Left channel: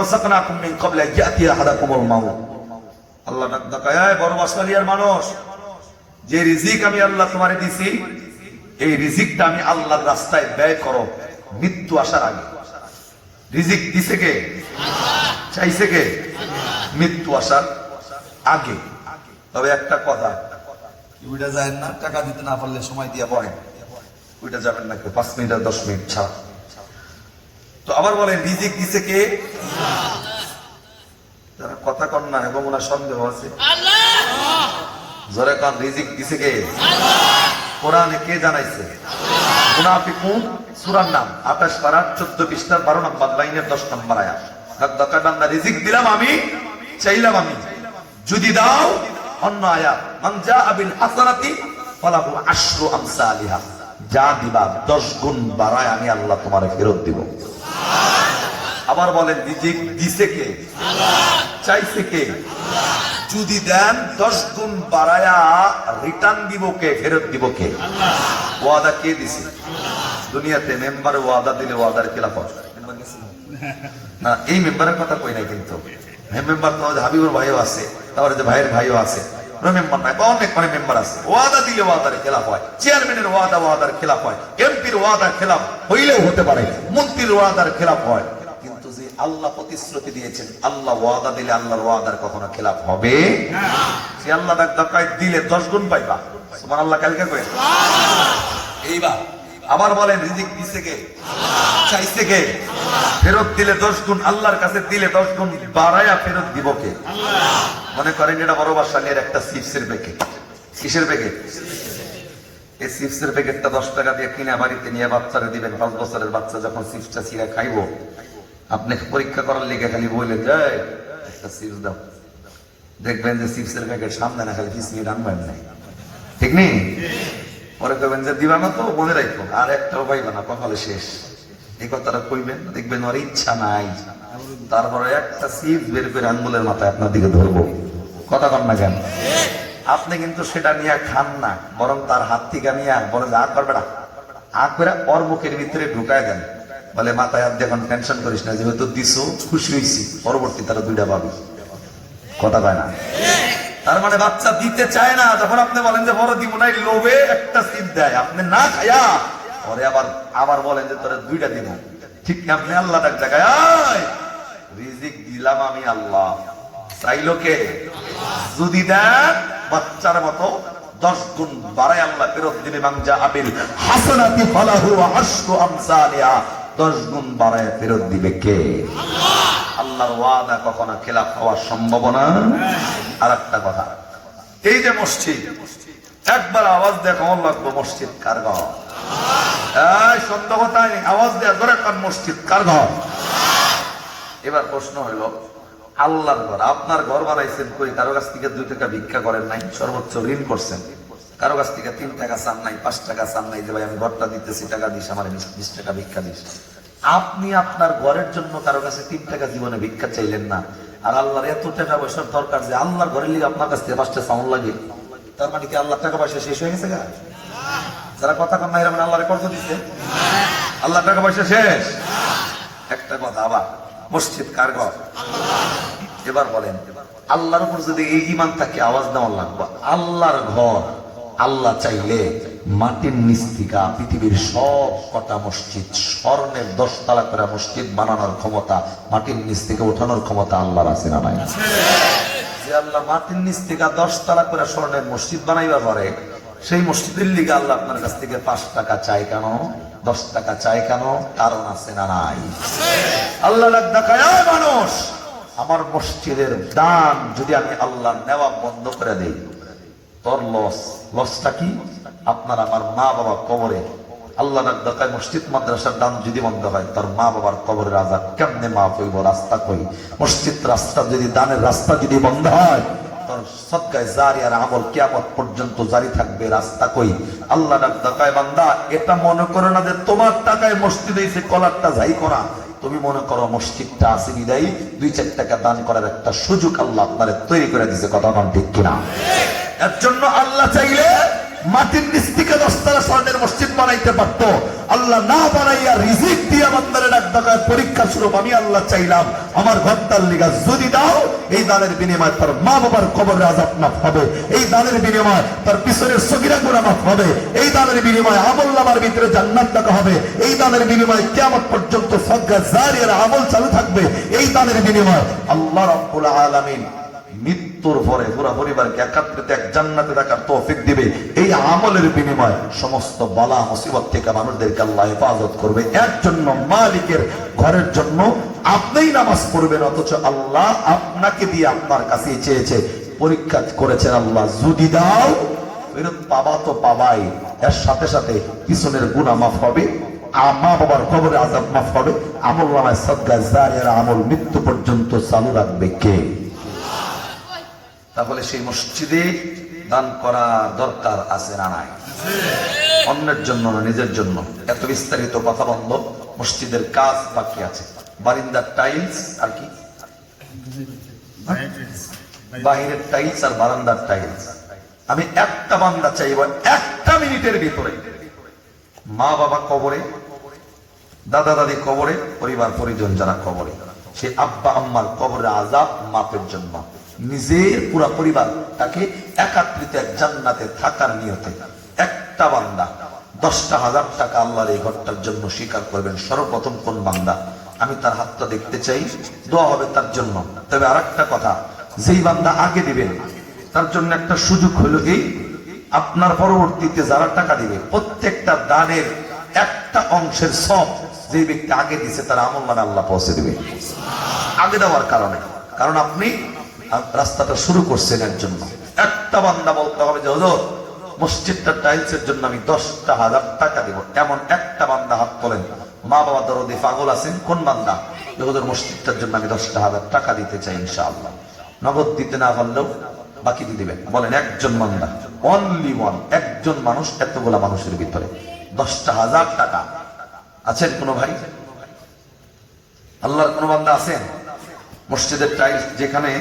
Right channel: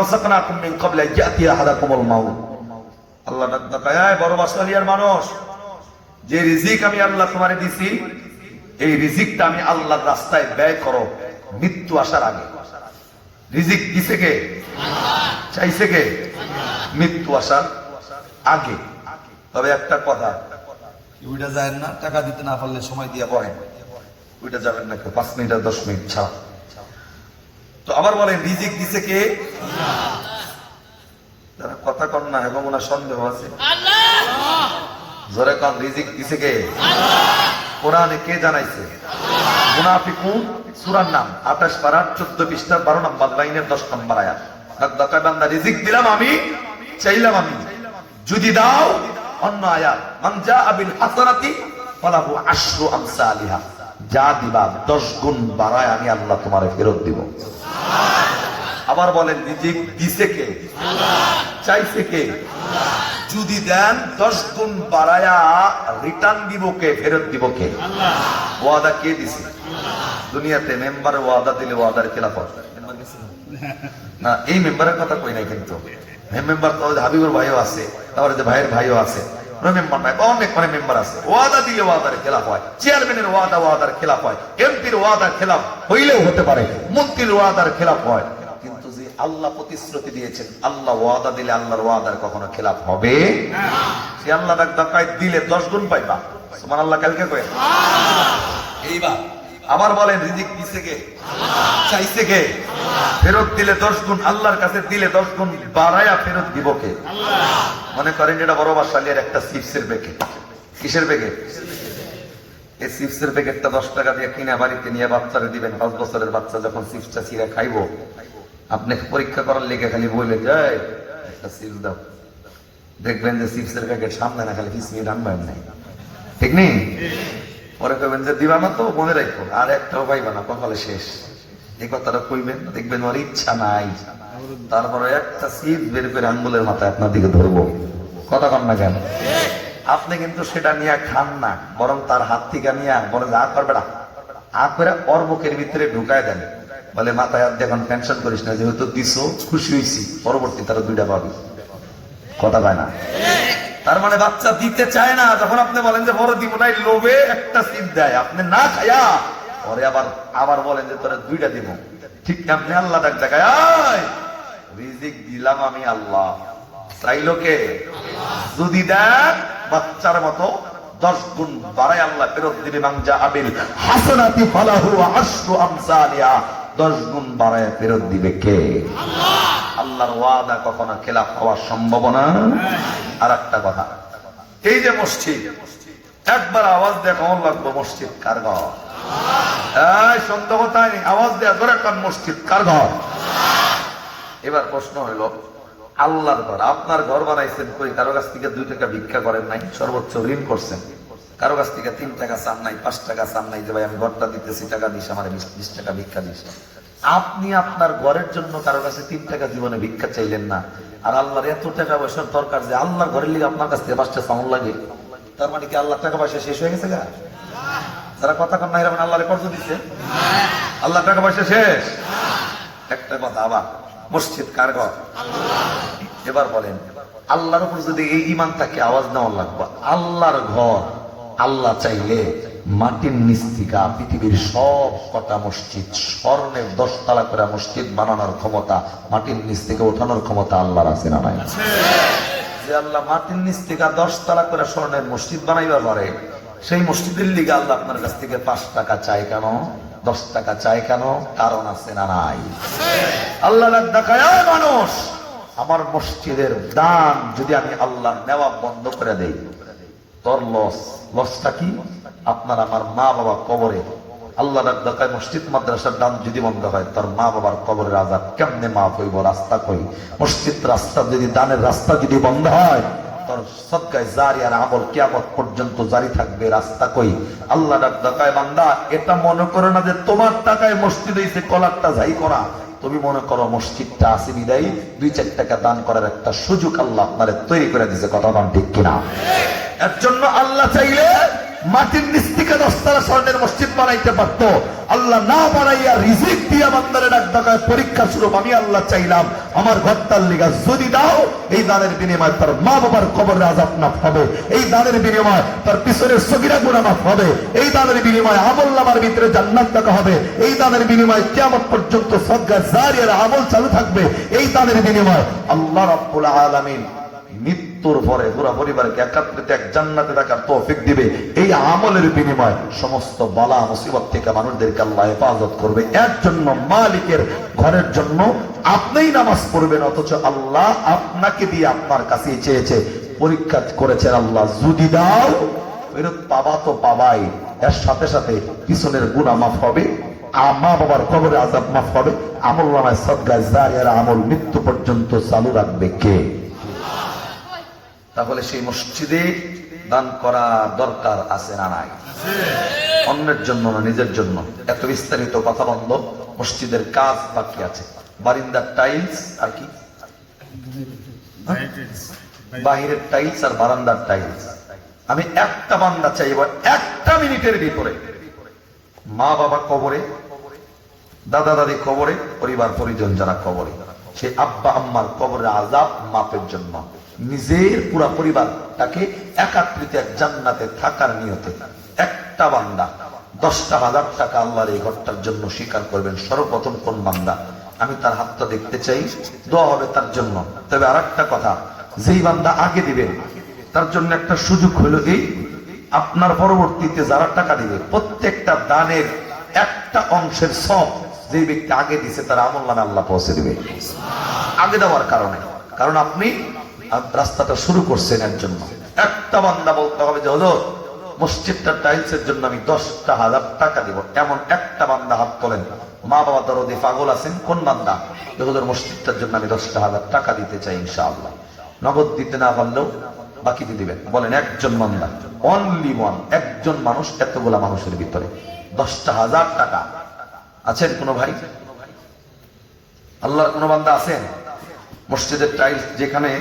রাযাকনাকুম মিন ক্বাবলি আন ইয়াতিয়া আহাদাকুমুল মাউত। আল্লাহ ডাকায় বড় বাসলিয়ার মানুষ, যে রিজিক আমি আল্লাহ তোমারে দিছি এই রিজিকটা আমি আল্লাহর রাস্তায় ব্যয় করো মৃত্যু আসার আগে। রিজিক দিছে কে? চাইছে কে? মৃত্যু আসার আগে। তবে একটা কথা, ওইটা যায় না, টাকা দিতে না পারলে সময় দিয়া বয় ওইটা যাবেন না কেউ, 5 মিনিট আর 10 মিনিট ছাড়। তো আবার বলেন রিজিক দিছে কে? যারা কথা কন না এবং ওনার সন্দেহ আছে জোরে কন, রিজিক দিছে কে? কোরআনে কে জানাইছে? মুনাফিকুন সূরার নাম 28 পারা 14 পৃষ্ঠার 12 নম্বর লাইনের 10 নম্বর আয়াত। বান্দা রিজিক দিলাম আমি, চাইলাম আমি, যদি দাও। অন্য আয়াত মান জাআ বিল হাসানাতি ফালাহু আশরু আমসালিহা, যা দিবা 10 গুণ বাড়ায় আমি আল্লাহ তোমারে ফেরত দিব। আবার বলেন রিজিক দিছে কে? চাইছে কে? যদি দেন 10 গুণ বাড়ায়া রিটার্ন দিব কে? ফেরত দিব কে? ওয়াদা কে দিছে? দুনিয়াতে মেম্বারে ওয়াদা দিলে ওয়াদার খেলাফ হয় না। এই মেম্বারের কথা কই নাই, কিন্তু মেম্বার তো হাবিবুর ভাইও আছে, তারপরে যে ভাইয়ের ভাইও আছে, মেম্বার নাই, অনেক অনেক মেম্বার আছে। ওয়াদা দিলে ওয়াদার খেলাফ হয়, চেয়ারম্যানের ওয়াদা ওয়াদার খেলাফ হয়, এমপির ওয়াদার খেলাফ হইলেও হতে পারে, মন্ত্রীর ওয়াদার খেলাফ হয়। কিন্তু যে আল্লাহ প্রতিশ্রুতি দিয়েছেন, আল্লাহ ওয়াদা দিলে আল্লাহর ওয়াদার কখনো খেলাফ হবে না। সে আল্লাহ ডাকায় দিলে 10 গুণ পাইবা। সুবহানাল্লাহ কালকে কই। এইবার আবার বলেন রিজিক দিছে কে? চাইছে কে? ফেরত দিলে 10 গুণ, আল্লাহর কাছে দিলে 10 গুণ বাড়ায়া ফেরত দিব কে? মনে করেন এটা বড় বাসালের একটা চিপসের প্যাকেট। কিসের প্যাকেট? এই চিপসের প্যাকেটটা 10 টাকা দিয়ে কিনে বাড়িতে নিয়ে বাচ্চারে দিবেন। 5 বছরের বাচ্চা যখন চিপসটা ছিঁড়ে খাইবো, আপনি পরীক্ষা করার লেগে খালি বললেন যে একটা চিপস দাও, দেখবেন যে চিপসের প্যাকেট সামনে না, খালি পিছনে রান্নার নাই, ঠিক নেই? পরে কইবেন যে দিবা না, তো মনে রাখো আর একটাও পাইবা না, কপালে শেষ। এই কথাটা কইবেন, দেখবেন ওর ইচ্ছা নাই, তারপরে একটা চিপস বের করে আঙ্গুলের মাথায় আপনার দিকে ধরবো। কথা কন না কেন? আপনি কিন্তু সেটা নিয়ে খান না, বরং তার হাত থেকে নিয়ে বলে আ করবে না, আ করে ওর মুখের ভিতরে ঢুকায় দেন। বলে মাথায় হাত দিয়ে এখন টেনশন করিস না, যেহেতু দিছো খুশি হয়েছি, পরবর্তী তারা 2টা পাবি। কথা পায় না। তার মানে বাচ্চা দিতে চায় না, যখন আপনি বলেন যে বড় দিব না, লোভে একটা সিপ দেয়, আপনি না খায়া পরে আবার বলেন যে তোরা 2টা দিব। ঠিক আপনি আল্লাহ ডাক জায়গায় রিজিক দিলাম আমি আল্লাহ, চাইলো কে? যদি দেন বাচ্চার মতো 10 গুণ বাড়ায় আল্লাহ ফেরত দিবে। মান জাআ বিল হাসানাতি ফালাহু আশরু আমসালিহা, 10 গুণ বাড়ায় ফেরত দিবে কে? আল্লাহ। আল্লাহর ওয়াদা কখনো খেলাফ হওয়ার সম্ভাবনা। আর একটা কথা, এই যে মসজিদ, একবার আওয়াজ দেয় কেমন লাগবে? মসজিদ কার ঘর? এই সন্দেহ তাই আওয়াজ দেয় ধরে কোন মসজিদ কার ঘর? এবার প্রশ্ন হলো, আল্লাহর ঘর, আপনার ঘর বানাইছেন কই? কারো কাছ থেকে 2 টাকা ভিক্ষা করেন নাই, সর্বোচ্চ ঋণ করছেন। কারো কাছ থেকে 3 টাকা চান নাই, 5 টাকা চান নাই যে ভাই আমি ঘরটা দিতেছি, টাকা দিস, আমার 20 টাকা ভিক্ষা দিস। আপনি আপনার ঘরের জন্য কারো কাছে 3 টাকা জীবনে ভিক্ষা চাইলেন না, আর আল্লাহর এত টাকা পয়সার দরকার যে আল্লাহর ঘরের লিগে আপনার কাছ থেকে 5 টাকা চাউন লাগে। তার মানে কি আল্লাহ টাকা পয়সা শেষ হয়ে গেছে? যারা কথা কন না এরকম আল্লাহরে কর্জ দিচ্ছে, আল্লাহ টাকা পয়সা শেষ। একটা কথা, আবার মসজিদ কার ঘর? এবার বলেন আল্লাহর উপর যদি এই ঈমান থাকে, আওয়াজ দেওয়া লাগবে আল্লাহর ঘর। আল্লাহ চাইলে মাটির নিচ থেকে পৃথিবীর সব কটা মসজিদ, স্বর্ণের 10 তলা করে মসজিদ বানানোর ক্ষমতা, মাটির নিচ থেকে ওঠানোর ক্ষমতা আল্লাহর আছে না নাই? যে আল্লাহ মাটির নিচ থেকে 10 তলা করে স্বর্ণের মসজিদ বানাইবার পারে, সেই মসজিদের লিগে আল্লাহ আপনার কাছ থেকে 5 টাকা চাই কেন? 10 টাকা চাই কেন? কারণ আছে না নাই? আল্লাহ দেখায় মানুষ, আমার মসজিদের দান যদি আমি আল্লাহ নেওয়া বন্ধ করে দেই, তোর লসটা কি? আপনার আমার মা বাবা কবরে, আল্লাহ দেখায় মসজিদ মাদ্রাসার দান যদি বন্ধ হয়, তোর মা বাবার কবরের আযাব কেমনে মাফ হইব? রাস্তা কই? মসজিদ রাস্তা যদি, দানের রাস্তা যদি বন্ধ হয়, তোর সদকায়ে জারিয়ার আমল কিয়ামত পর্যন্ত জারি থাকবে। রাস্তা কই? আল্লাহ দেখায় বান্দা, এটা মনে করো না যে তোমার টাকায় মসজিদ হইছে, কলারটা যাই করা। তুমি মনে করো মসজিদটা আছে বিদায়ী 2-4 টাকা দান করার একটা সুযোগ আল্লাহ আপনারে তৈরি করে দিয়েছে। কথা বলেন ঠিক কিনা? এর জন্য আল্লাহ চাইলে মাটির নিচ থেকে 10 স্বর্ণের মসজিদ বানাইতে পারত। আল্লাহ না বানাইয়া রিজিক দিয়া বান্দারে ডাক ডাকায় পরীক্ষা স্বরূপ আমি আল্লাহ চাইলাম আমার ঘরটার লিগা যদি দাও, এই দানের বিনিময় তার মা বাবার কবরে আযাব মাফ হবে, এই দানের বিনিময় তার পিছনের সগীরা গুনাহ মাফ হবে, এই দানের বিনিময় আমল নামার ভিতরে জান্নাত দেখা হবে, এই দানের বিনিময় কিয়ামত পর্যন্ত সদকা জারিয়ার আমল চালু থাকবে, এই দানের বিনিময় আল্লাহ রাব্বুল আলামিন মৃত্যুর পরে পুরো পরিবারকে একত্রিত এক জান্নাতে থাকার তৌফিক দিবে। এই আমলের বিনিময় সমস্ত বালা মুসিবত থেকে মানুষদেরকে আল্লাহ হেফাজত করবে। এর জন্য মালিকের ঘরের জন্য আপনিই নামাজ পড়বেন, অথচ আল্লাহ আপনাকে দিয়ে আপনার কাছে চেয়েছে, পরীক্ষা করেছেন আল্লাহ যদি দাও ফেরত পাবা তো পাবাই, এর সাথে সাথে পিছনের গুনাহ মাফ হবে, মা বাবার কবরে আযাব মাফ হবে, আমল নামায় সদকা জারিয়ার আমল মৃত্যু পর্যন্ত চালু রাখবে কে? তাহলে সেই মসজিদে দান করা দরকার আছে না নাই? অন্যের জন্য না, নিজের জন্য। এত বিস্তারিত কথা বন্ধ, মসজিদের কাজ বাকি আছে। বারিন্দার টাইলস আর কি, বাহিরের টাইলস আর বারান্দার টাইলস। আমি একটা বান্দা চাইব 1 মিনিটের ভিতরে মা বাবা কবরে, দাদা দাদি কবরে, পরিবার পরিজন যারা কবরে, সে আব্বা আম্মার কবরের আযাব মাফের জন্য নিজের পুরা পরিবারটাকে একত্রিত এক জান্নাতে থাকার নিয়তে একটা বান্দা 10,000 টাকা আল্লাহর এই ঘরটার জন্য স্বীকার করবেন। সর্বপ্রথম কোন বান্দা? আমি তার হাতটা দেখতে চাই, দোয়া হবে তার জন্য। তবে আর একটা কথা, যেই বান্দা আগে দিবেন তার জন্য একটা সুযোগ হলো এই, আপনার পরবর্তীতে যারা টাকা দিবে প্রত্যেকটা দানের একটা অংশের সব যে ব্যক্তি আগে দিছে তার আমলনামে আল্লাহ পৌঁছে দিবে আগে দেওয়ার কারণে। কারণ আপনি রাস্তাটা শুরু করছেন এর জন্য। একটা বান্দা বলতে হবে যে হুজুর মসজিদটা টাইলসের জন্য আমি 10,000 টাকা দিব, এমন একটা বান্দা হাত তোলেন। মা বাবা দরদি পাগল আছেন, কোন বান্দা হুজুর মসজিদটার জন্য আমি 10,000 টাকা দিতে চাই ইনশাআল্লাহ। নগদ দিতে না পারলেও বাকি দিয়ে দিবেন। বলেন একজন বান্দা, অনলি ওয়ান, একজন মানুষ এতগুলা মানুষের ভিতরে 10,000 টাকা। আছেন কোন ভাই? আল্লাহর কোন বান্দা আছেন? মসজিদের টাইলস যেখানে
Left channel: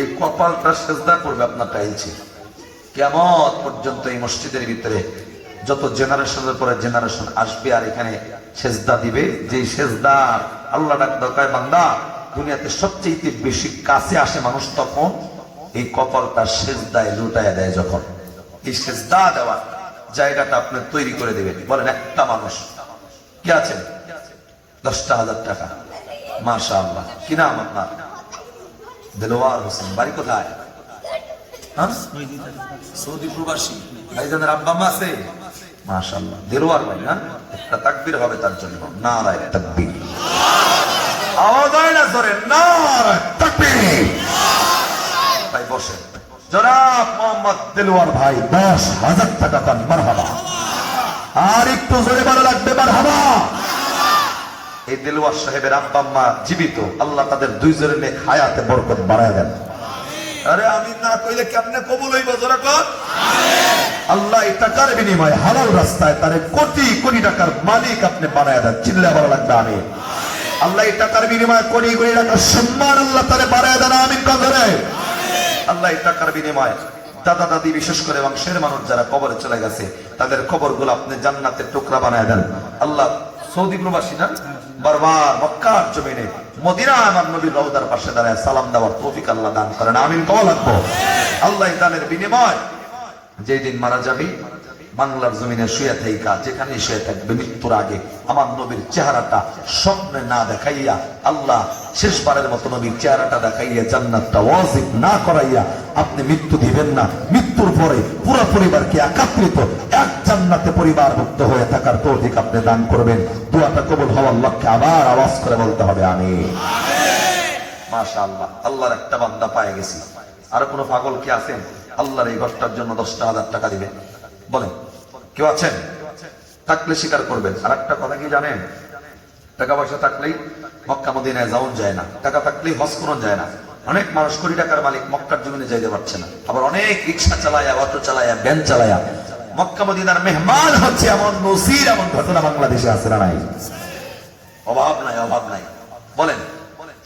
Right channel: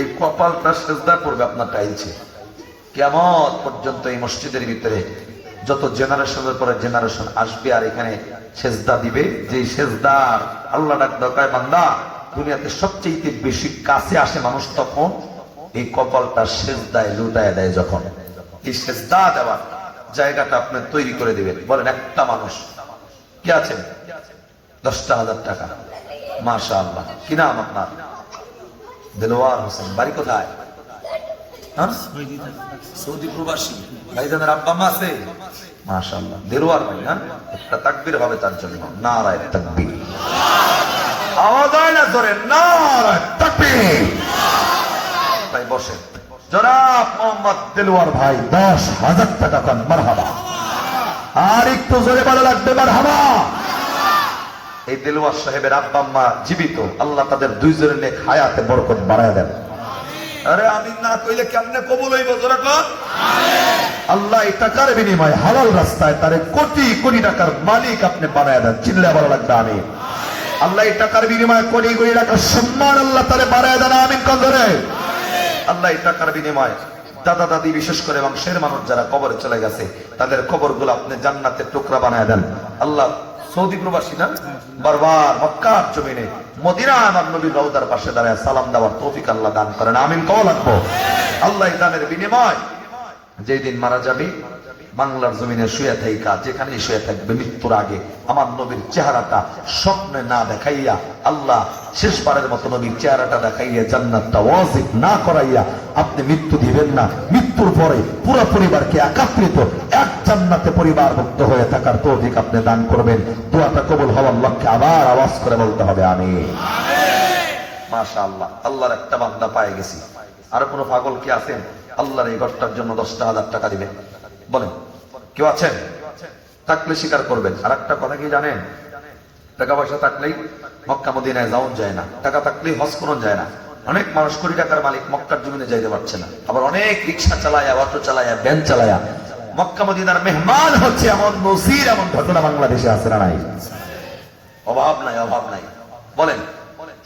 এই কপালটা সেজদা করবে আপনার টাইলসে, কিয়ামত পর্যন্ত এই মসজিদের ভিতরে যত জেনারেশনের পরে জেনারেশন আসবে আর এখানে সেজদা দিবে, যে সেজদা আল্লাহ ডাক দরকার বান্দা দুনিয়াতে সবচেয়ে বেশি কাছে আসে মানুষ তখন এই কপালটা সেজদায় লুটায় দেয়। যখন এই সেজদা দেওয়া জায়গাটা আপনি তৈরি করে দিবেন। বলেন একটা মানুষ কি আছেন? 10,000 টাকা। মাশাআল্লাহ। কি নাম আপনার? দেলোয়ার হোসেন। বাড়ি কোথায়? সৌদি প্রবাসী। ভাইজানের আব্বা মা আছে? মাশাআল্লাহ। দেলোয়ার ভাই না? একটা তাকবীর হবে তার জন্য। নারায়ে তাকবীর। আওয়াজ হয় না জোরে? নারায়ে তাকবীর। ভাই বসেন। জনাব মোহাম্মদ দেলোয়ার ভাই 10,000 টাকা পান। মারহাবা। আর একটু জোরে বলা লাগবে মারহাবা। এই দেলোয়ার সাহেবের আব্বা আম্মা জীবিত, আল্লাহ তাদের দুইজনের নেক হায়াতে বরকত বাড়ায় দেন। আরে আমি না কইলে কেমনে কবুল হইব? জোরে কর আমিন। আল্লাহ এই টাকার বিনিময়ে হালাল রাস্তায় তারে কোটি কোটি টাকার মালিক আপনি বানায় দেন। চিল্লা বলা লাগবে আমিন। আল্লাহ এই টাকার বিনিময়ে কোটি কোটি টাকার সম্মান আল্লাহ তারে বাড়ায় দেন। আমিন কোন ধরে? আল্লাহ এই টাকার বিনিময়ে দাদা দাদি বিশেষ করে বংশের মানুষ যারা কবরে চলে গেছে তাদের কবরগুলো আপনি জান্নাতের টুকরা বানায় দেন। আল্লাহ সৌদি প্রবাসী না, বারবার মক্কার জমিনে মদিনা আমার নবীর রওজার পাশে দাঁড়ায় সালাম দেওয়ার তৌফিক আল্লাহ দান করেন। আমিন কওয়া লাগবে। আল্লাহ এই দানের বিনিময় যেই দিন মারা যাবে বাংলার জমিনে শুয়ে থাইকা যেখানেই শুয়ে থাকবে মৃত্যুর আগে আমার নবীর চেহারাটা স্বপ্নে না দেখাইয়া, আল্লাহ শেষবারের মতো নবীর চেহারাটা দেখাইয়া জান্নাতটা ওয়াজিব না করাইয়া আপনি মৃত্যু দিবেন না। মৃত্যুর পরে পুরো পরিবারকে একত্রিত এক জান্নাতে পরিবারভুক্ত হয়ে থাকার তৌফিক আপনি দান করবেন। দোয়াটা কবুল হওয়ার লক্ষ্যে আবার আওয়াজ করে বলতে হবে আমিন। মাশাআল্লাহ। আল্লাহর একটা বান্দা পায়ে গেছি। আর কোন পাগল কি আছেন আল্লাহর এই ঘরটার জন্য 10,000 টাকা দিবেন? বলেন কেউ আছেন? থাকলে স্বীকার করবেন। আর একটা কথা কি জানেন? টাকা পয়সা থাকলেই মক্কা মদিনায় যাওয়া যায় না, টাকা থাকলেই হজ করুন যায় না। অনেক মানুষ কোটি টাকার মালিক মক্কার জমিনে যাইতে পারছে না, আবার অনেক রিক্সা চালায়া, অটো চালায়া, ভ্যান চালায়া মক্কা মদিনার মেহমান হচ্ছে। এমন নজির, এমন ঘটনা বাংলাদেশে আছে না নাই? অভাব নাই, অভাব নাই। বলেন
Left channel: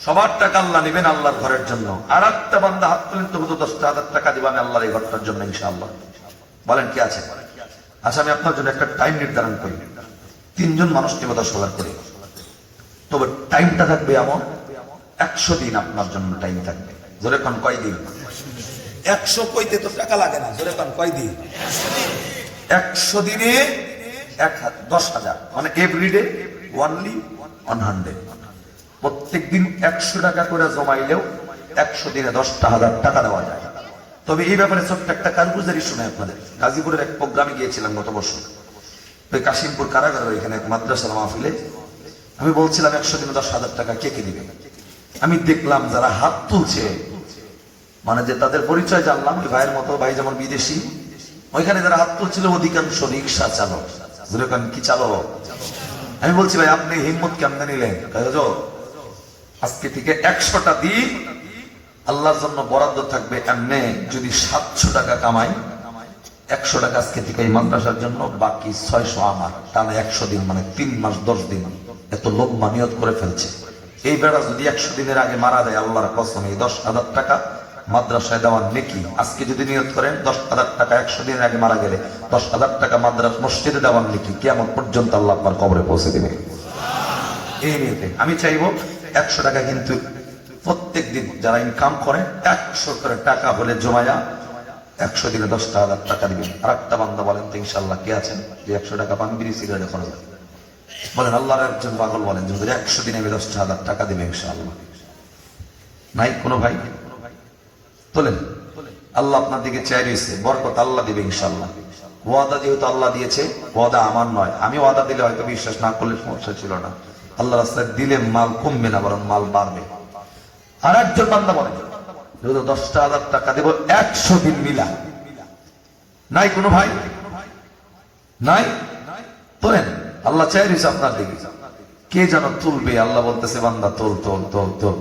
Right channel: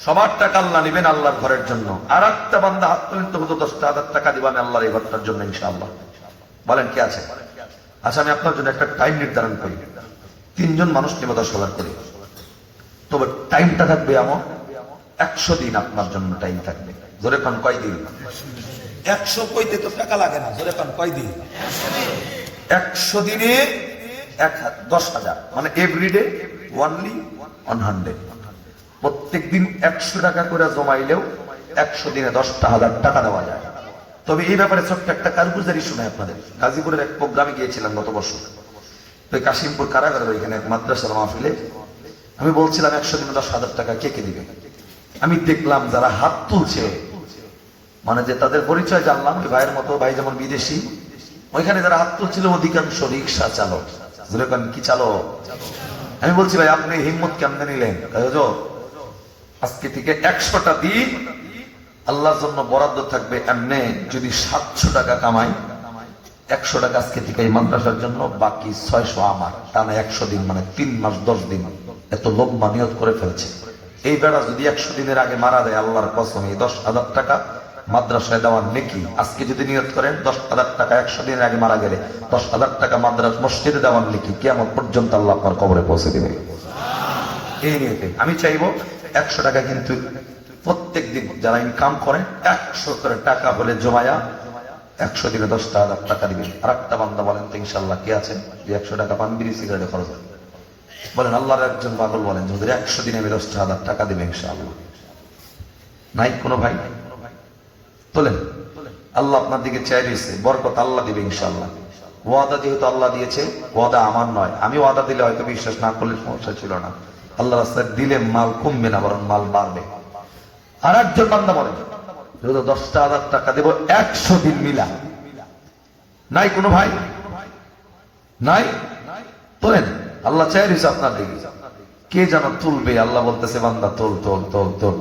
সবার টাকা আল্লাহ নিবেন আল্লাহর ঘরের জন্য। আর একটা বান্দা হাত তুলেন তো হুজুর 10,000 টাকা দিবেন আল্লাহর এই ঘরটার জন্য ইনশাআল্লাহ। বলেন কে আছে? আচ্ছা, আমি আপনার জন্য একটা টাইম নির্ধারণ করি। 3 জন মানুষ নিয়ে 10,000 করি, তবে টাইমটা থাকবে এমন 100 দিন আপনার জন্য টাইম থাকবে। জোরে পান কয় দিন? 100 কইতে তো টাকা লাগে না। জোরে পান কয় দিন? 100 দিনে 10,000, মানে এভরিডে ওনলি 100। প্রত্যেক দিন 100 টাকা করে জমাইলেও 100 দিনে 10,000 টাকা দেওয়া যায়। তবে এই ব্যাপারে ছোট্ট একটা কারগুজারি শুনে আপনাদের। গাজীপুরের এক প্রোগ্রামে গিয়েছিলাম গত বছর, ওই কাশিমপুর কারাগারের এখানে এক মাদ্রাসার মাহফিলে আমি বলছিলাম 100 দিনে 10,000 টাকা কে কে দিবে। আমি দেখলাম যারা হাত তুলছে, মানে যে তাদের পরিচয় জানলাম, ভাইয়ের মতো, ভাই যেমন বিদেশি, ওইখানে যারা হাত তুলছিল অধিকাংশ রিক্সা চালক। যেরকম কি চালক? আমি বলছি ভাই আপনি হিম্মত কেমনে নিলেন? আজকে থেকে 100টা দিন আল্লাহর জন্য বরাদ্দ থাকবে। এমনি যদি 700 টাকা কামাই, 100 টাকা আজকে থেকে এই মাদ্রাসার জন্য, বাকি 600 আমার। টানা 100 দিন, মানে 3 মাস 10 দিন। এত লম্বা নিয়ত করে ফেলছে। এই বেড়া যদি 100 দিনের আগে মারা যায়, আল্লাহর কসম এই 10,000 টাকা মাদ্রাসায় দেওয়ার নেকি। আজকে যদি নিয়ত করেন 10,000 টাকা 100 দিনের আগে মারা গেলে 10,000 টাকা মাদ্রাসা মসজিদে দেওয়ার নেকি কিয়ামত পর্যন্ত আল্লাহ আপনার কবরে পৌঁছে দিবে। এই নিয়তে আমি চাইবো 100 টাকা কিন্তু প্রত্যেক দিন যারা ইনকাম করেন 100 করে টাকা হলে জমায়া 100 দিনে 10,000 টাকা দিবেন। আর একটা বান্দা বলেন তো ইনশাআল্লাহ কে আছেন যে 100 টাকা পান বিড়ি সিগারেটে খরচ হয়? বলেন আল্লাহর একজন পাগল বলেন যে 100 দিনে আমি 10,000 টাকা দিবে ইনশাআল্লাহ? নাই কোনো ভাই? তোলেন। আল্লাহ আপনার দিকে চেয়ে দিয়েছে, বরকত আল্লাহ দিবে ইনশাআল্লাহ। ওয়াদা যেহেতু আল্লাহ দিয়েছে, ওয়াদা আমার নয়। আমি ওয়াদা দিলে হয়তো বিশ্বাস না করলে সমস্যা ছিল না। আল্লাহ রাস্তায় দিলে মাল কমবে না, বরং মাল বাড়বে। আর একজন বান্দা বলেন 10,000 টাকা দেব 100 দিন মিলা। নাই কোনো ভাই? নাই? তোলেন। আল্লাহ চাই দিয়েছে আপনার দিকে, কে যেন তুলবে। আল্লাহ বলতেছে বান্দা তোল তোল তোল তোল,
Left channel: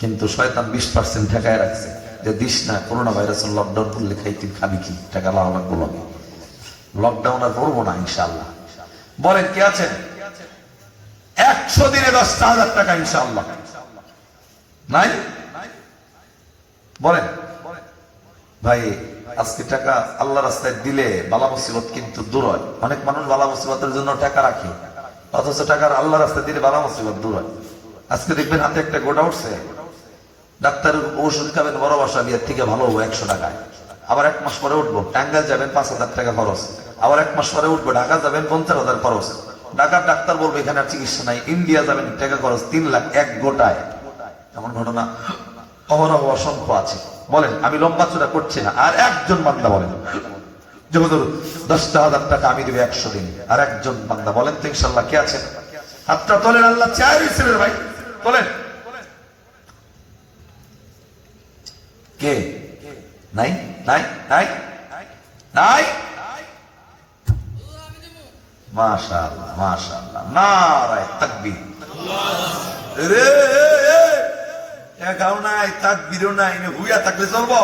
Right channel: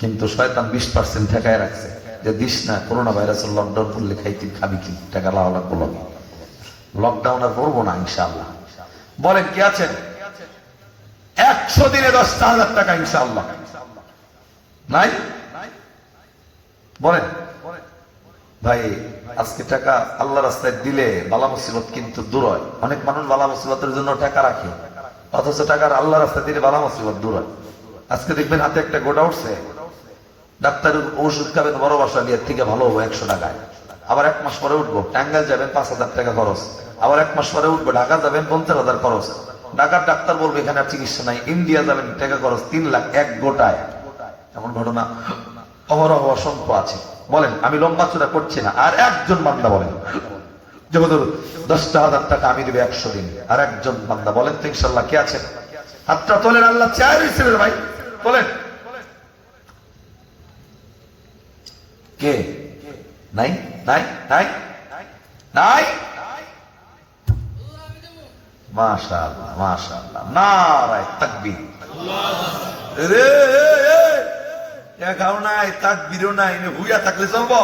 কিন্তু শয়তান 20% ঠেকায় রাখছে যে দিস না, করোনা ভাইরাসের লকডাউন করলে খাইতে খাবি কি, টাকা লাভ লাগবো। লকডাউন আর করবো না ইনশাআল্লাহ। বলেন কে আছেন 100 দিনে 10,000 টাকা ইনশাআল্লাহ? নাই? বলেন ভাই আজকে টাকা আল্লাহ রাস্তায় দিলে বালা মুসিবত কিন্তু দূর হয়। অনেক মানুষ বালা মুসিবতের জন্য টাকা রাখে, অথচ টাকার আল্লাহ রাস্তায় দিলে বালা মুসিবত দূর হয়। আজকে দেখবেন হাতে একটা গোটা উঠছে, ডাক্তারের ওষুধ খাবেন বড় বাসা বিয়ের থেকে ভালো হবো 100 টাকায়। আবার 1 মাস পরে উঠবো, টাঙ্গাইল যাবেন 5,000 টাকা খরচ। আবার 1 মাস পরে উঠবো, ঢাকা যাবেন 50,000 খরচ। ঢাকার ডাক্তার বলবে এখানে আর চিকিৎসা নাই। ইন্ডিয়া যাবেন, টাকা খরচ 3 লাখ এক গোটায়। এমন ঘটনা অহরহ অসংখ্য আছে। বলেন আমি লম্বা চূড়া করছি না। আর একজন বান্দা বলেন যে হুজুর 10,000 টাকা আমি দেব 100 দিন। আর একজন বান্দা বলেন তো ইনশাআল্লাহ কে আছেন? হাতটা তোলেন। আল্লাহ চাইছে ভাই, তোলেন। কে? নাই? নাই? নাই? নাই? মাশাআল্লাহ মাশাআল্লাহ, নারায়ে তাকবীর। রে এগাও নাই, তাকবীরও নাই, হুইয়া থাকলে চলবো?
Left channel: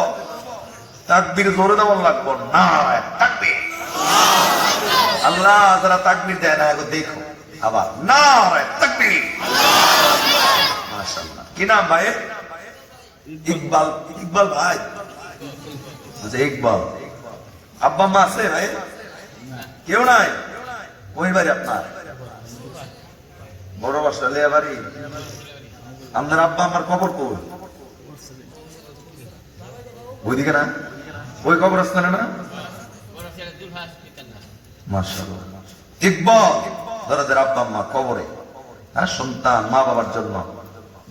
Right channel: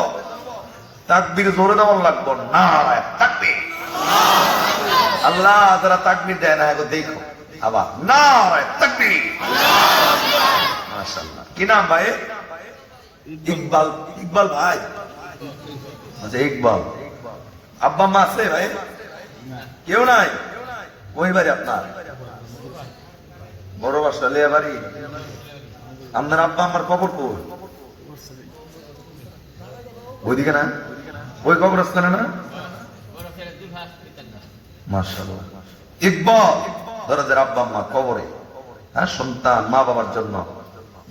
তাকবীর জোরে দেওয়া লাগবো। নারায়ে তাকবীর। আল্লাহ যারা তাকবীর দেয় না এখন দেখো আবার নারায়ে তাকবীর। মাশাআল্লাহ। কি নাম ভাই? ইকবাল। ইকবাল ভাই? আচ্ছা ইকবাল। আব্বা মা আছে ভাই? কেউ নাই? ওই বাড়ি আপনার? বড় বাসা লিয়া বাড়ি? আপনার আব্বা আমার কবর কই? ওইদিকে না? ওই কবরস্থানে না? মাশাআল্লাহ। ইকবাল যারা আব্বা আম্মা কবরে, হ্যাঁ, সন্তান মা বাবার জন্য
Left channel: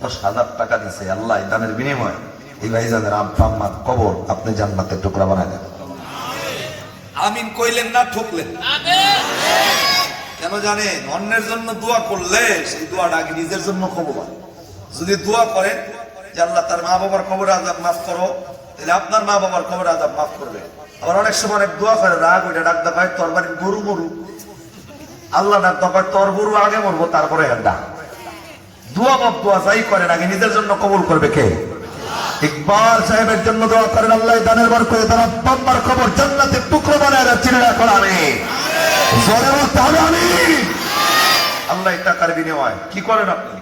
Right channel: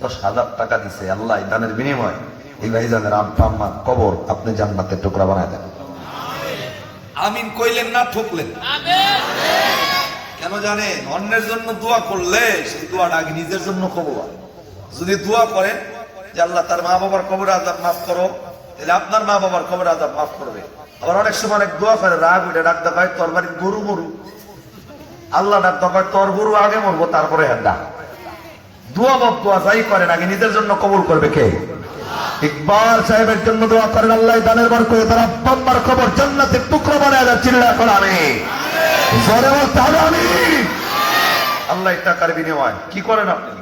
10,000 টাকা দিছে, আল্লাহ দানের বিনিময় এই ভাইজানের আব্বা আম্মার কবর আপনি জান্নাতের টুকরা বানায় দেন। আমিন কইলেন না ঠকলেন? কেন জানেন? অন্যের জন্য দোয়া করলে সেই দোয়াটা আগে নিজের জন্য কবুল। যদি দোয়া করেন যে আল্লাহ তার মা বাবার কবর আযাব মাফ করো, তাহলে আপনার মা বাবার কবর আযাব মাফ করবে। আবার অনেক সময় অনেক দোয়া করে রাগ ওইটা ডাক দেয় তোর বাড়ির গরু মরু, আল্লাহ ডাক দেয় তোর গরু আগে মরবো তারপরে ডাক। দোয়া বাপ দোয়া যাই করেন আগে নিজের জন্য কবুল করবে কে? ইকবাল সাহেবের জন্য দোয়া করেন আল্লাহ দানের বরকতে তার আব্বা আম্মার কবর জান্নাতের টুকরো বানায় দেন। চিল্লা করে আমিন। জোরে বলতে হবে আমিন। আল্লাহ টাকার বিনিময় কি করেন আপনি?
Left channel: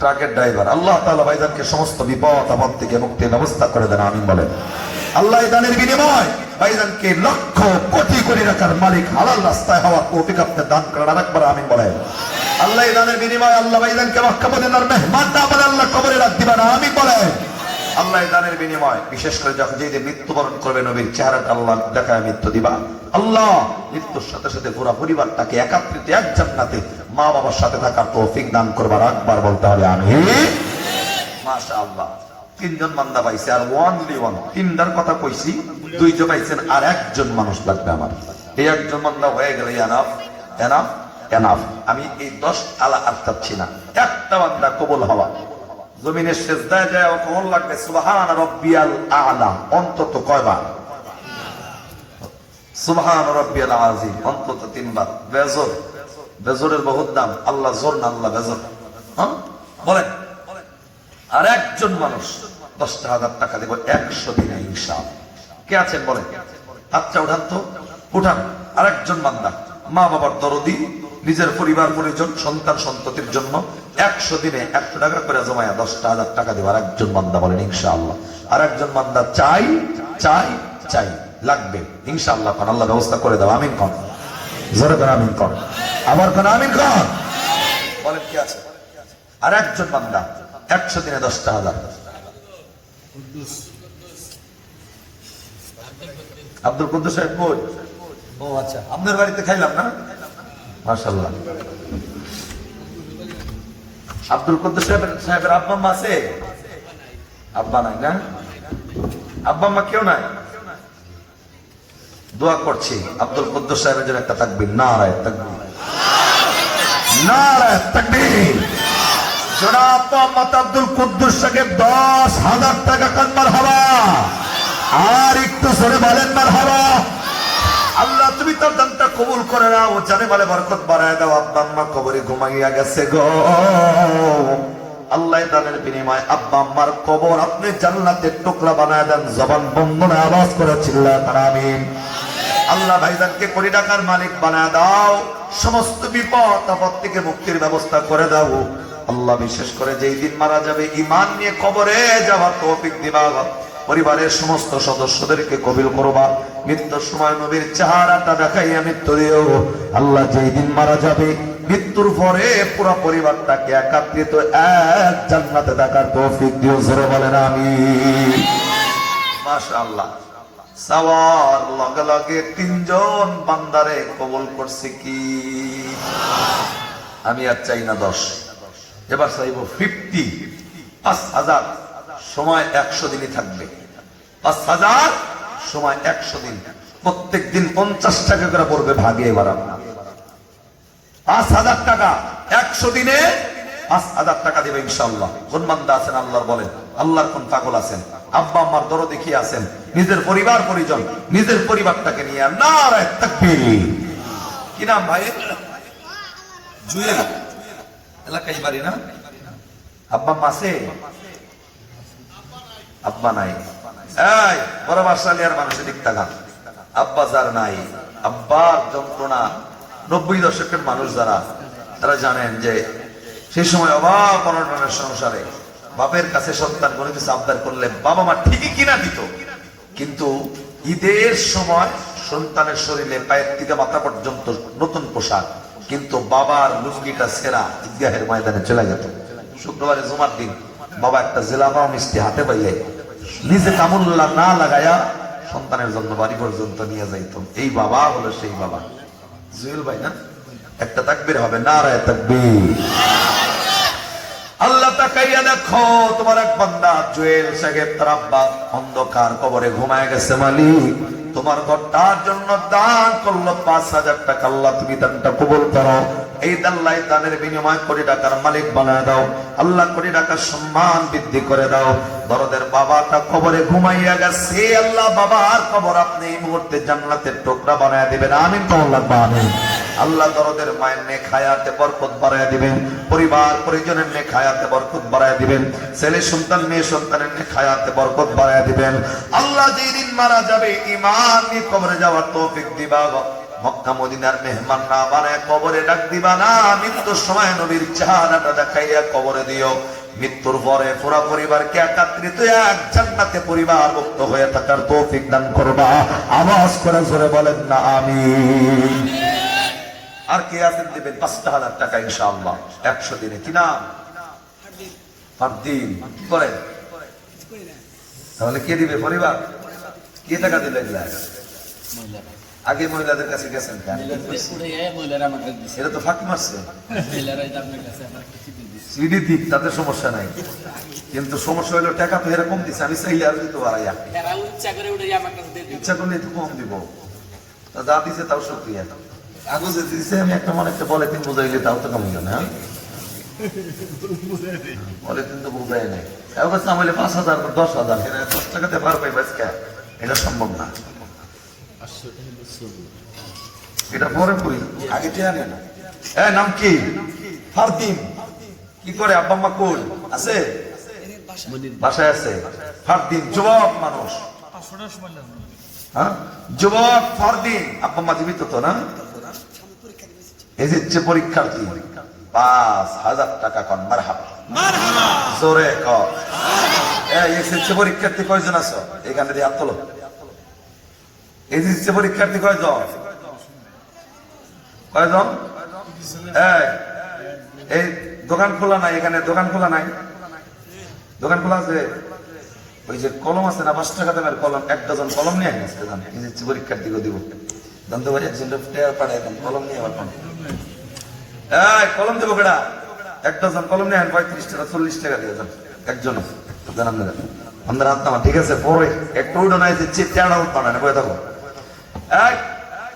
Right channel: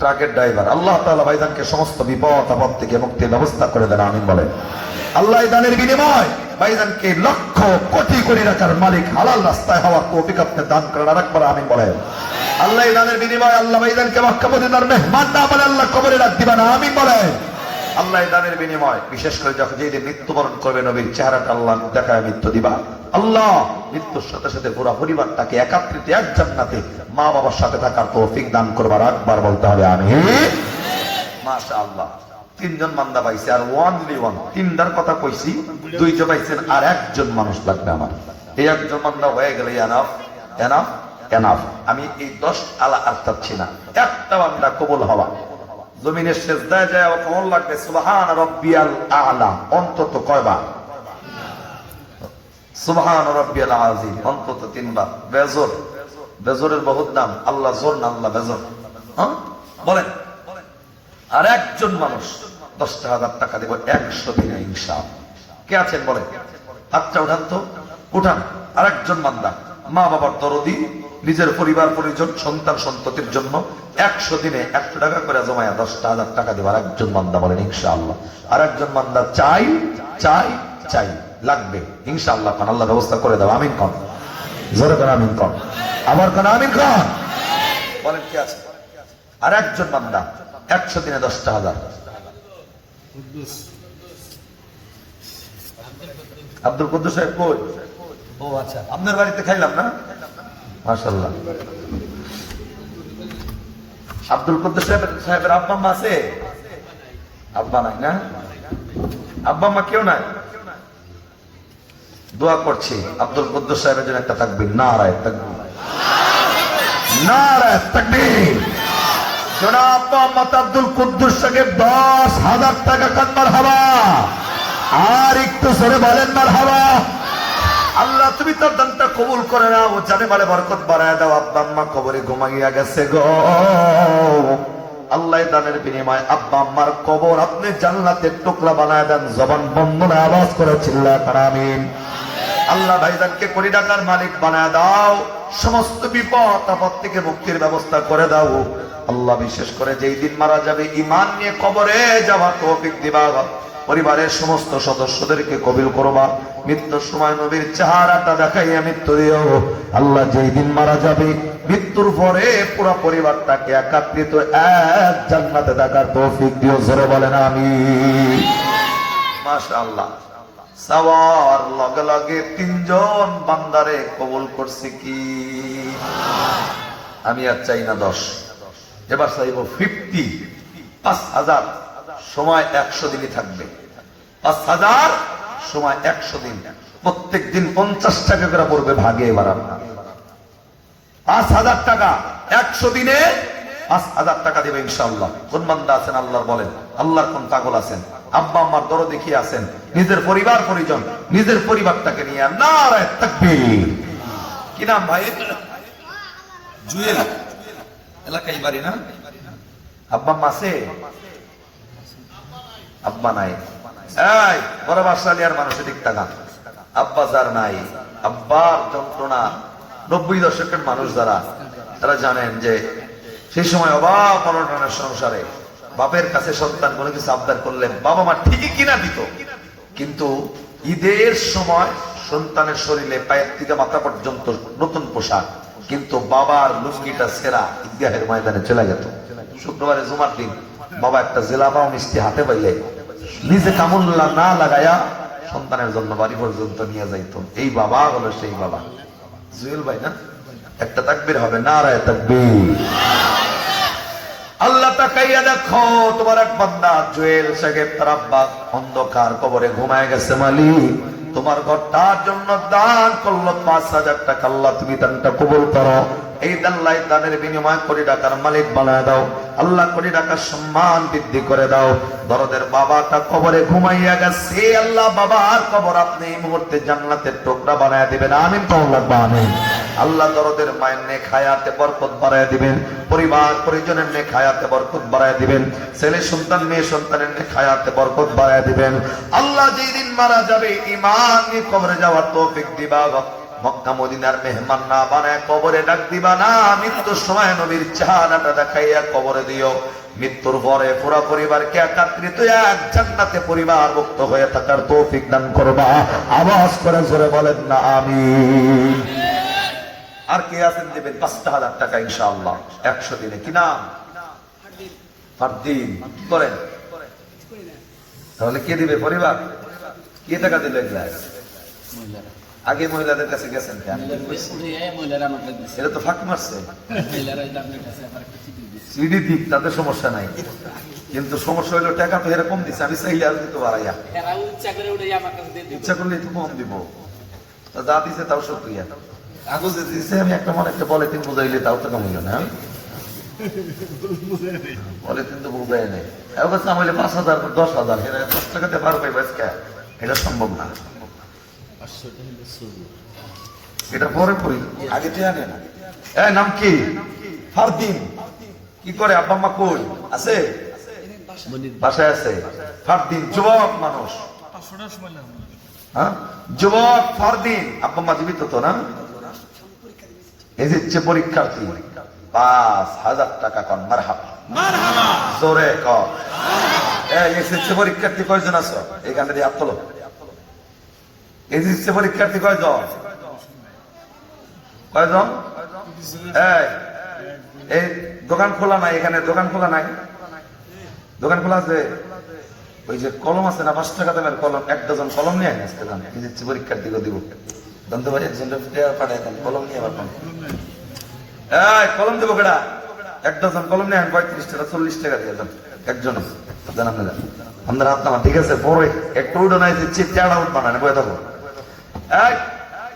ট্রাকের ড্রাইভার। আল্লাহ তাআলা ভাইজানকে সমস্ত বিপদ আপদ থেকে মুক্তির ব্যবস্থা করে দেন। আমিন বলেন। আল্লাহ দানের বিনিময় ভাইজানকে লক্ষ কোটি কোটি টাকার মালিক হালাল রাস্তায় হওয়ার তৌফিক আপনি দান করেন। আরেকবার আমিন বলেন। আল্লাহ এই দানের বিনিময়ে আল্লাহ ভাইজানকে মক্কা মদিনার মেহমান না বলে আল্লাহ কবরে রাখ দিবেন। আমিন বলেন। আল্লাহ এই দানের বিনিময় বিশেষ করে যখন যেদিন মৃত্যুবরণ করবে নবীর চেহারাটা আল্লাহ দেখায় মৃত্যু দিবা। আল্লাহ মৃত্যুর সাথে সাথে পুরো পরিবারটাকে একাত্রিত এক জান্নাতে মা বাবার সাথে থাকার তৌফিক দান করবার একবার বলতে হবে আমিন। মাশাআল্লাহ। তিনজন বান্দা পাইছে আর ওয়ানলি ওয়ান, তিনটার কথা কইছি, দুইজন পাইছেন আর একজন মানুষ লাগবে আমার। এই একজন বান্দা হয়ে গেলে এনাফ এনাফ এনাফ। আমি এই 10 আলা আর চাচ্ছি না, একটা বান্দা কবুল হওয়া। জমিনের সেজদায় যায় কবুল লাগবে সুবহান রাব্বিয়াল আলা অন্তত কয়বার? সুবহান রাব্বিয়াল আযীম অন্তত 3 বার। বেজর, বেজরের বহুত দাম। আল্লাহ জোর না আল্লাহ বেজর। হ্যাঁ বলেন। আর একজন মানুষ 10,000 টাকা দেব 100 দিনে ইনশাআল্লাহ। কে আছেন বলেন? হাতটা উঠান তো, উঠান। আর একজন বান্দা মা বাবার দরদি, নিজের পরিবার পরিজন সন্তান সন্ততির জন্য 100 দিনে 100 টাকা করে জমায়া 10,000 টাকা দেব আর একজন বান্দা বলেন ইনশাআল্লাহ। আর একজন বান্দা চাই চাই চাই লাগবে ইনশাআল্লাহ। কারণ আল্লাহ ব্যবস্থা করে দাও। আমিন কর, জোরে করে আমিন কর, আবার কোন আমিন কর বলেন। কি আছে? আর একজন বান্দা 100 দিনে 10,000। আব্দুল কুদ্দুস সাহেব কই? ও আচ্ছা, আপনার বাড়িতে খাইলাম না? মাশাআল্লাহ। আব্দুল কুদ্দুস সাহেবের আব্বা মা আছে? আব্বা নাই না? আব্বা মা কেউ নাই? দোয়া করছি আব্দুল কুদ্দুস সাহেবের জন্য একটা তাকবীর। নারায়ে তাকবীর, নারায়ে তাকবীর। জনাব মোহাম্মদ আব্দুল কুদ্দুস সাহেব 10,000 টাকা কান মারহাবা। আর একটু জোরে বলেন মারহাবা। আল্লাহ তুমি তার দানটা কবুল করে নাও, জানে মালে বরকত বাড়ায় দাও। আব্বা আম্মা কবরে ঘুমাইয়া গেছে গো। আল্লাহ দানের বিনিময়ে আব্বা আম্মার কবর আপনি জান্নাতের টুকরা বানায় দেন। জবান বন্ধ না আওয়াজ করে চিল্লা আমিন। আল্লাহ ভাইজানকে কোটি টাকার মালিক বানায় দাও। সমস্ত বিপদ আপদ থেকে মুক্তির ব্যবস্থা করে দাও। আল্লাহ বিশেষ করে যেই দিন মারা যাবে ঈমান নিয়ে কবরে যাওয়ার তৌফিক দিবা। পরিবারের সমস্ত সদস্যদেরকে কবুল করবা। মৃত্যুর সময় নবীর চেহারাটা দেখাইয়া মৃত্যু দিও। আল্লাহ যেই দিন মারা যাবে মৃত্যুর পরে পুরো পরিবারটাকে একাত্রিত এক জান্নাতে থাকার তৌফিক দিও। জোরে বলেন আমিন। মাশাআল্লাহ। সওয়ার লগে লগে 3 জন বান্দারে কবুল করছে কি? আমি আর চাই না 10, এবার চাইব 50। 5,000 সময় 100 দিনই থাকবে। 5,000 সময় 100 দিন। প্রত্যেক দিন 50 টাকা করে পড়বে ভাগে। এবার আপনার 5,000 টাকা 100 দিনে 5,000 টাকা দেবে ইনশাআল্লাহ। কোন বান্দা আছেন আল্লাহ বলেন? আল্লাহর কোন পাগল আছেন? আব্বা আম্মার দরদে কি আছেন? নিজের পরিবার পরিজন, নিজের পরিবারটাকে নিয়ে নারায়ে তাকবীর। কি নাম ভাই? জুয়েল এলাকায় বাড়ি না? আব্বা আম্মা আছে? আব্বা নাই। এই বড় বাসালিয়ার মানুষের দিক তাকা। আব্বা যার নাই, আব্বার যন্ত্রণা 90 দশকের মানুষ যারা, তারা জানেন যে সেই সময় অভাব অনটনের সংসারে বাপের কাছে সন্তান কোনো কিছু আবদার করলে বাবা মা ঠিকই কিনা দিত, কিন্তু ঈদের সময় সন্তানের শরীরে পায়ের থেকে মাথা পর্যন্ত নতুন পোশাক, কিন্তু বাবার লুঙ্গিটা ছেঁড়া ঈদগাহের ময়দানে চলে যেত। শুক্রবারে জুমার দিন বাবা একটা জেলাবা মিষ্টি হাতে পাইলে নিজে কামুল্লা না লাগায়া সন্তানের জন্য বাড়ি পর্যন্ত নিয়ে যাইত। এই বাবা হলো সেই বাবা। জুয়েল ভাই না? একটা তাকবীর হবে, নারায়ে তাকবীর। আল্লাহ তাকাইয়া দেখো তোমার এক বান্দা জুয়েল সাহেব তার আব্বা অন্ধকার কবরে ঘুমায় গেছে। মালিক তোমার ঘরটার জন্য দান করলো 5,000 টাকা। আল্লাহ তুমি দানটা কবুল করো। এই দাল্লাই দানের বিনিময় কোটি টাকার মালিক বানায় দাও। আল্লাহ কোটি টাকার সম্মান বৃদ্ধি করে দাও। দরদের বাবাটা কবরে ঘুমাইয়া গেছে। আল্লাহ বাবার কবর আপনি এই মুহূর্তে জান্নাতের টুকরা বানায় দিবেন। আমিন তো আল্লাহ আমিন। আল্লাহ দরদের মায়ের নেক হায়াতে বরকত বাড়ায় দিবেন। পরিবার পরিজনের নেক হায়াতে বরকত বাড়ায় দিবেন। ছেলে সন্তান মেয়ে সন্তানের নেক হায়াতে বরকত বাড়ায় দিবেন। আল্লাহ যেই দিন মারা যাবে ঈমান নিয়ে কবরে যাওয়ার তৌফিক দিবা। মক্কা মদিনার মেহমান না বানায় কবরে ডাক দিবা না। মৃত্যুর সময় নবীর চেহারাটা দেখাইয়া কবরে দিও। মৃত্যুর পরে পুরো পরিবারকে একত্রিত এক জান্নাতে পরিবারভুক্ত হয়ে থাকার তৌফিক দান করবা। আওয়াজ করে জোরে বলেন না আমিন। আর কে আছেন দেবেন ৫,০০০ টাকা ইনশাআল্লাহ ১০০ দিনে। কি নাম? ফারদিন। কি করেন? তাহলে কে দিবে? পরিবার। কে টাকা দিলে? আগে মহিলাদের কাছে গেছেন কেন? এটা তো ফাঁক মারছে। সিডি দিক, তাতে সমস্যা নাই, কিন্তু সমস্যা হইলো টাকা তো এরকম দিচ্ছে। আমি চাইলে আর দিতে পারাই, ইচ্ছা করলে একটু কম দিব। যা দিছে তাও সক্রিয়া। আগে যে দিছে আমি একটা মনে একটা বলে ৩ বুঝাইলে তাও তো কমিল না। বলে ৩ তো বুঝাই নাই। এবার আমলে ৫,০০০ ১০,০০০ এরা ১০ টাকাতে পার পাই বাজকা, এটা সম্ভব না। এটা পরে করি, আগে জানেন। নাম কি? ফারদিন। কি করে? আব্বা আম্মা কই আছে? বাসায় আছে। ফারদিন যুবক মানুষ, যুবক ফারদিন। আব্বা আম্মা জীবিত তো না? এই যে পরীক্ষার্থী ৫,০০০ টাকা কন। মারহাবা, জোরে কর। এসএসসি পরীক্ষার্থী কয়জন আছো? এখানে দিয়ে হাত তোলো। এসএসসি পরীক্ষার্থী কয়জন? কয়জন? এই দোকান খোলা নাই, এখানে দোকান খোলা নাই। দোকান খোলা আছে। ওই যে কলম আছে না ৫ টাকা দামের কলম, ১ ডজন কলম নিয়ে আজকে জান এসএসসি পরীক্ষার্থীকে দিব। জানতে পারি একজন পাঠায় কলম নিয়ে পাঠান। কলম দেবো কেডা? ১ ডজন কলম নিয়ে ৩৫ টাকা ৪০ টাকা দিয়ে যান একজন। জানান আমাদের হাত নামা, ঠিক আছে? পরে একটু উঠোনায় দিচ্ছি, তেড়া উঠ বানানে বয়ে থাকো।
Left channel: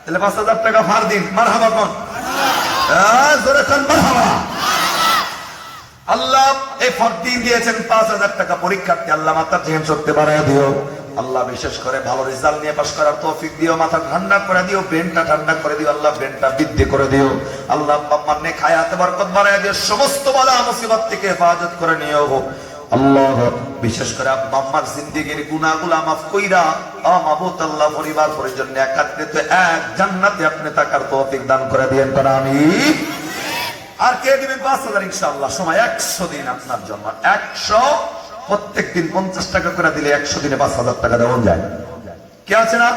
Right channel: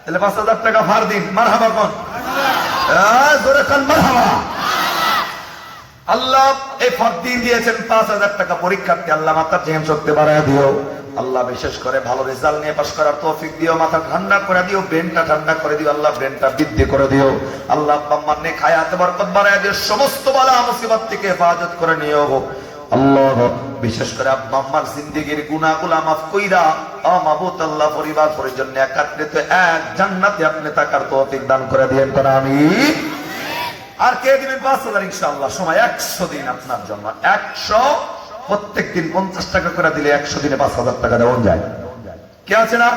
তাহলে ৫,০০০ টাকা ফারদিন। মারহাবা কোন? জোরে কোন মারহাবা। আল্লাহ এই ফারদিন দিয়েছেন ৫,০০০ টাকা পরীক্ষার্থী। আল্লাহ মাথার জেহেন শক্তি বাড়ায় দিও। আল্লাহ বিশেষ করে ভালো রেজাল্ট নিয়ে পাস করার তৌফিক দিও। মাথা ঠান্ডা করে দিও, ব্রেনটা ঠান্ডা করে দিও। আল্লাহ ব্রেনটা বৃদ্ধি করে দিও। আল্লাহ আব্বা আম্মার নেক হায়াতে বরকত বাড়ায় দিও। সমস্ত বালা মুসিবত থেকে হেফাজত করে নিও আল্লাহ। বিশেষ করে আব্বা আম্মার জিন্দেগির গুনাহগুলো মাফ কইরা মাবুদ আল্লাহ পরিবার পরিজন একত্রিত এক জান্নাতে আপনি থাকার তৌফিক দান করে দিয়েন। তারা আমিন। আর কে দিবেন ৫,০০০ ইনশাআল্লাহ? সময় ১০০ দিন আপনার জন্য। ১০০ প্রত্যেক দিন ৫০ টাকা করে দিলে ১০০ দিনে ৫,০০০ টাকা দেওয়া যায়। কে আছে না?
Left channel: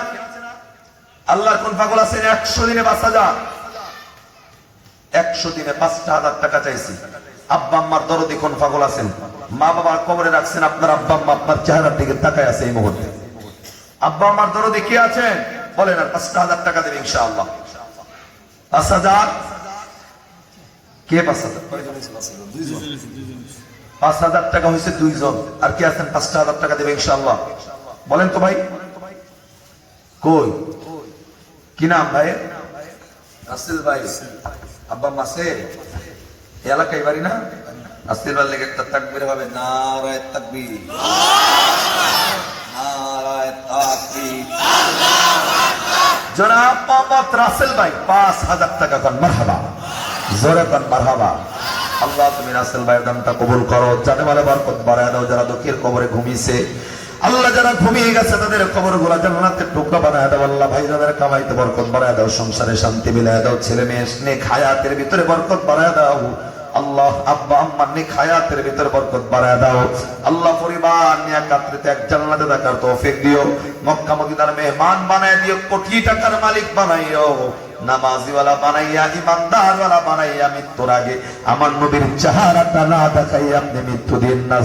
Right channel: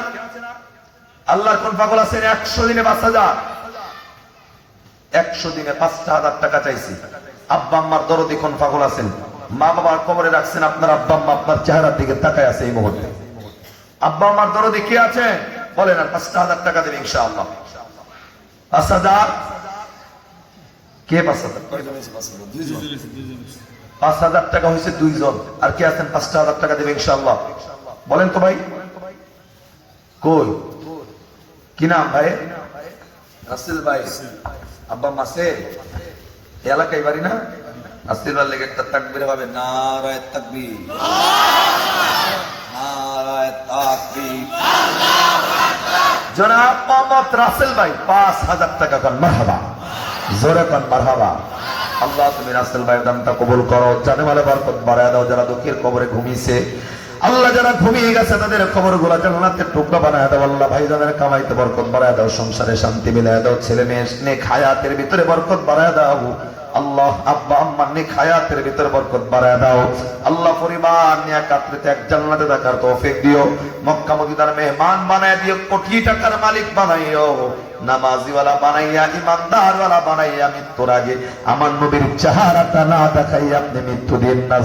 আল্লাহর কোন পাগল আছেন? ১০০ দিনে ৫,০০০। ১০০ দিনে ৫,০০০ টাকা চাইছি। আব্বা আম্মার দরদি কোন পাগল আছেন? মা বাবা কবরে রাখছেন, আপনার আব্বা আম্মা আপনার চেহারার দিকে তাকায় আছে এই মুহূর্তে। আব্বা আম্মার দরদি কি আছেন? বলেন। ৫,০০০ টাকা দেবে ইনশাআল্লাহ। ৫,০০০। কে ৫,০০০? ৫,০০০ টাকা হয়েছে ২ জন। আর কে আছেন ৫,০০০ টাকা দেবে ইনশাআল্লাহ? বলেন তো ভাই। কই? কি নাম ভাই? আসিল ভাই। আব্বা মাসে এলাকায় বাড়ি না? আসিল ভাই লেগে একটা তাকবীর হবে। নারায়ে তাকবীর, নারায়ে তাকবীর। জনাব মোহাম্মদ রাসেল ভাই ৫,০০০ টাকা দেন। মারহাবা, জোরে দেন মারহাবা। আল্লাহ তুমি রাসেল ভাইয়ের দামটা কবুল করো। জানে বলে বরকত বাড়ায় দাও। যারা দুঃখের কবরে ঘুমিয়েছে আল্লাহ, যারা ঘুমিয়ে গেছে তাদের কবর গুলা জান্নাতের টুকরা বানায় দাও। আল্লাহ ভাই যাদের কামাইতে বরকত বাড়ায় দাও, সংসারে শান্তি মিলায় দাও, ছেলে মেয়ে নেক হায়াতের ভিতরে বরকত বাড়ায় দাও। আল্লাহ আব্বা আম্মার নেক হায়াতের ভিতরে বরকত বাড়ায় দাও। আল্লাহ পরিবার নিয়ে একত্রিত এক জান্নাতে থাকার তৌফিক দিও। মক্কা মদিনার মেহমান বানায় দিও। কোটি টাকার মালিক বানাইও। নামাজিওয়ালা বানাইয়া, ইমানদারওয়ালা বানাইয়া মৃত্যুর আগে আমার নবীর চেহারাটা না দেখাইয়া আপনি মৃত্যু দিন না।